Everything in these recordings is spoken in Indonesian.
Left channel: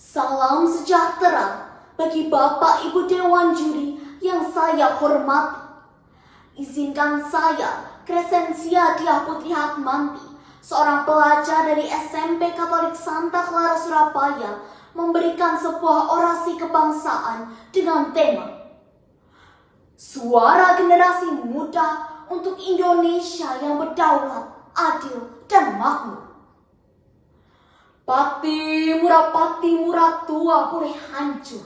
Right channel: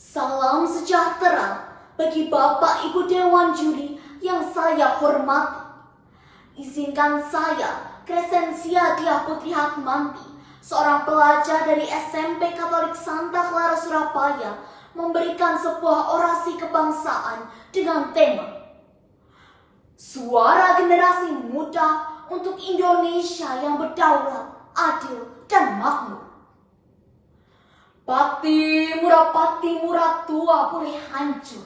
Salam sejahtera bagi Bapak Ibu Dewan Juri yang saya hormati. Izinkan saya, Crescencia Diah Putri Hatmanti, seorang pelajar dari SMP Katolik Santa Clara Surabaya, memberikan sebuah orasi kebangsaan dengan tema Suara Generasi Muda untuk Indonesia yang berdaulat, adil, dan makmur. Pati murah tua boleh hancur,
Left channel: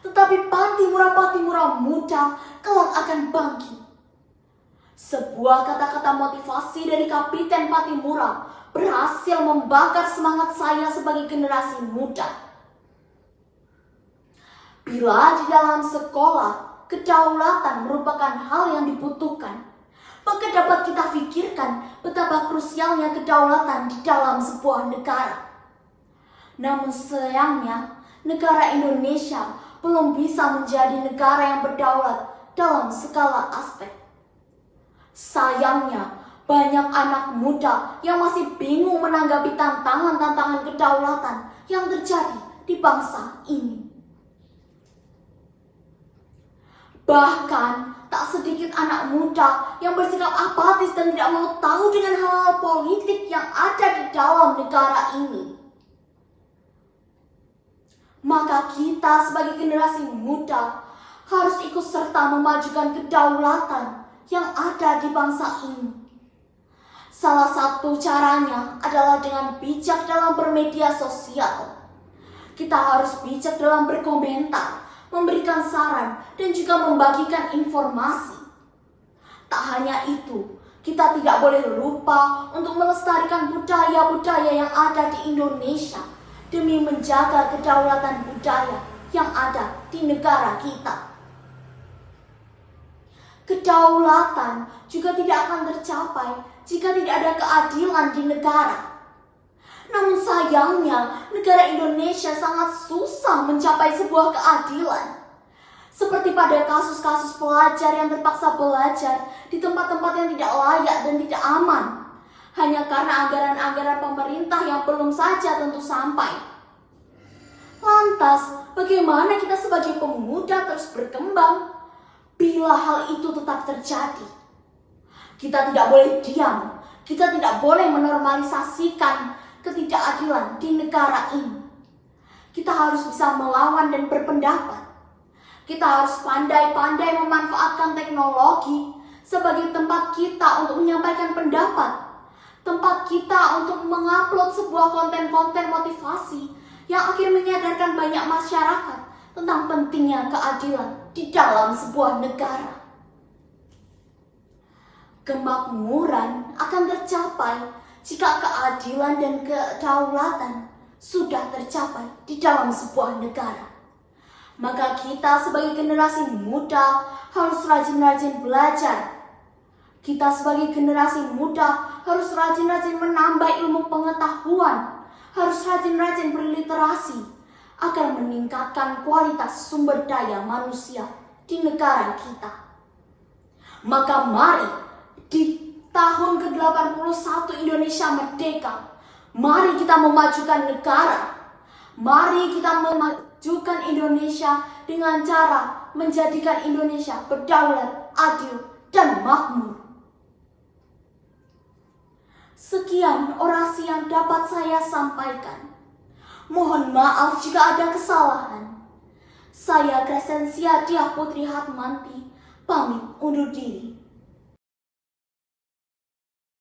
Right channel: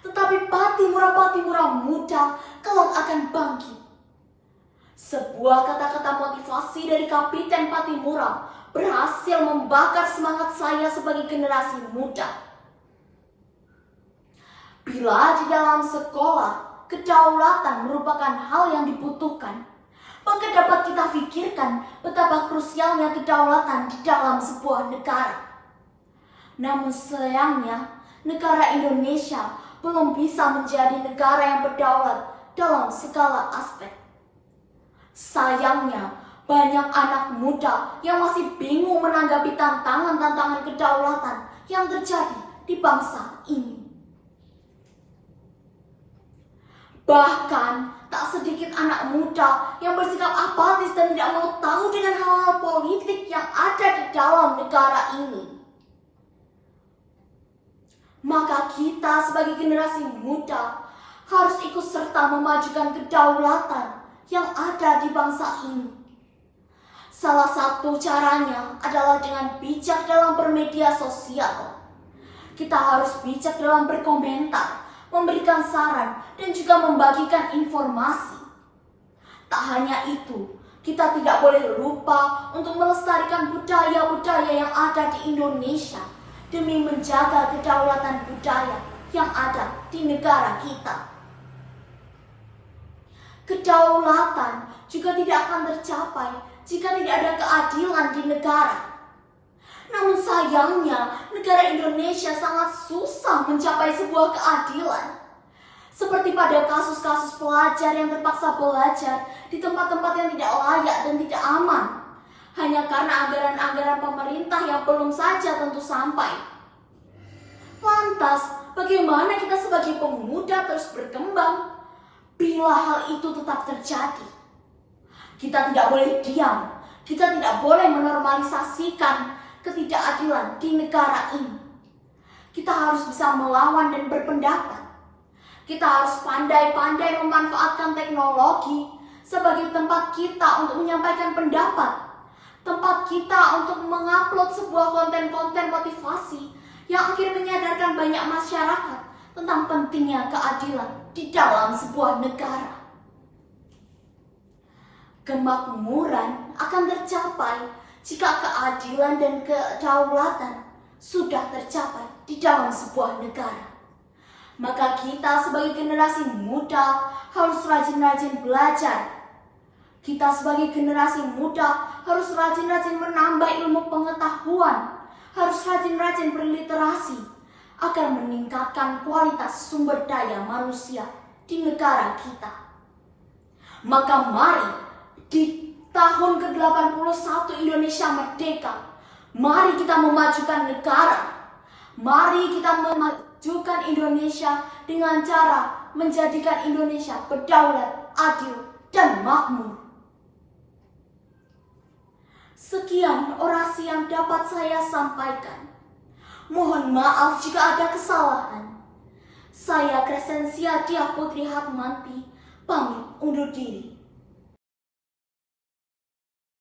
tetapi pati murah muda kelak akan bangkit. Sebuah kata-kata motivasi dari Kapiten Patimura berhasil membakar semangat saya sebagai generasi muda. Bila di dalam sekolah, kedaulatan merupakan hal yang dibutuhkan, maka dapat kita pikirkan betapa krusialnya kedaulatan di dalam sebuah negara. Namun sayangnya, negara Indonesia belum bisa menjadi negara yang berdaulat dalam segala aspek. Sayangnya, banyak anak muda yang masih bingung menanggapi tantangan-tantangan kedaulatan yang terjadi di bangsa ini. Bahkan, tak sedikit anak muda yang bersikap apatis dan tidak mau tahu dengan hal-hal politik yang ada di dalam negara ini. Maka kita sebagai generasi muda harus ikut serta memajukan kedaulatan yang ada di bangsa ini. Salah satu caranya adalah dengan bijak dalam bermedia sosial. Kita harus bijak dalam berkomentar, memberikan saran, dan juga membagikan informasi. Tak hanya itu, kita tidak boleh lupa untuk melestarikan budaya-budaya yang ada di Indonesia demi menjaga kedaulatan budaya yang ada di negara kita. Kedaulatan juga tidak akan tercapai jika tidak ada keadilan di negara. Namun sayangnya, negara Indonesia sangat susah mencapai sebuah keadilan. Seperti pada kasus-kasus pelajar yang terpaksa belajar di tempat-tempat yang tidak layak dan tidak aman, hanya karena anggaran-anggaran pemerintah yang belum saja tentu sampai. Lantas, bagaimana kita sebagai pemuda terus berkembang bila hal itu tetap terjadi? Kita tidak boleh diam, kita tidak boleh menormalisasikan ketidakadilan di negara ini. Kita harus bisa melawan dan berpendapat. Kita harus pandai-pandai memanfaatkan teknologi sebagai tempat kita untuk menyampaikan pendapat, tempat kita untuk mengupload sebuah konten-konten motivasi yang akhirnya menyadarkan banyak masyarakat tentang pentingnya keadilan di dalam sebuah negara. Kemakmuran akan tercapai jika keadilan dan kedaulatan sudah tercapai di dalam sebuah negara. Maka kita sebagai generasi muda harus rajin-rajin belajar. Kita sebagai generasi muda harus rajin-rajin menambah ilmu pengetahuan, harus rajin-rajin berliterasi agar meningkatkan kualitas sumber daya manusia di negara kita. Maka mari di tahun ke-81 Indonesia merdeka, mari kita memajukan negara. Mari kita memajukan Indonesia dengan cara menjadikan Indonesia berdaulat, adil, dan makmur. Sekian orasi yang dapat saya sampaikan. Mohon maaf jika ada kesalahan. Saya Crescencia Diah Putri Hatmanti, pamit undur diri.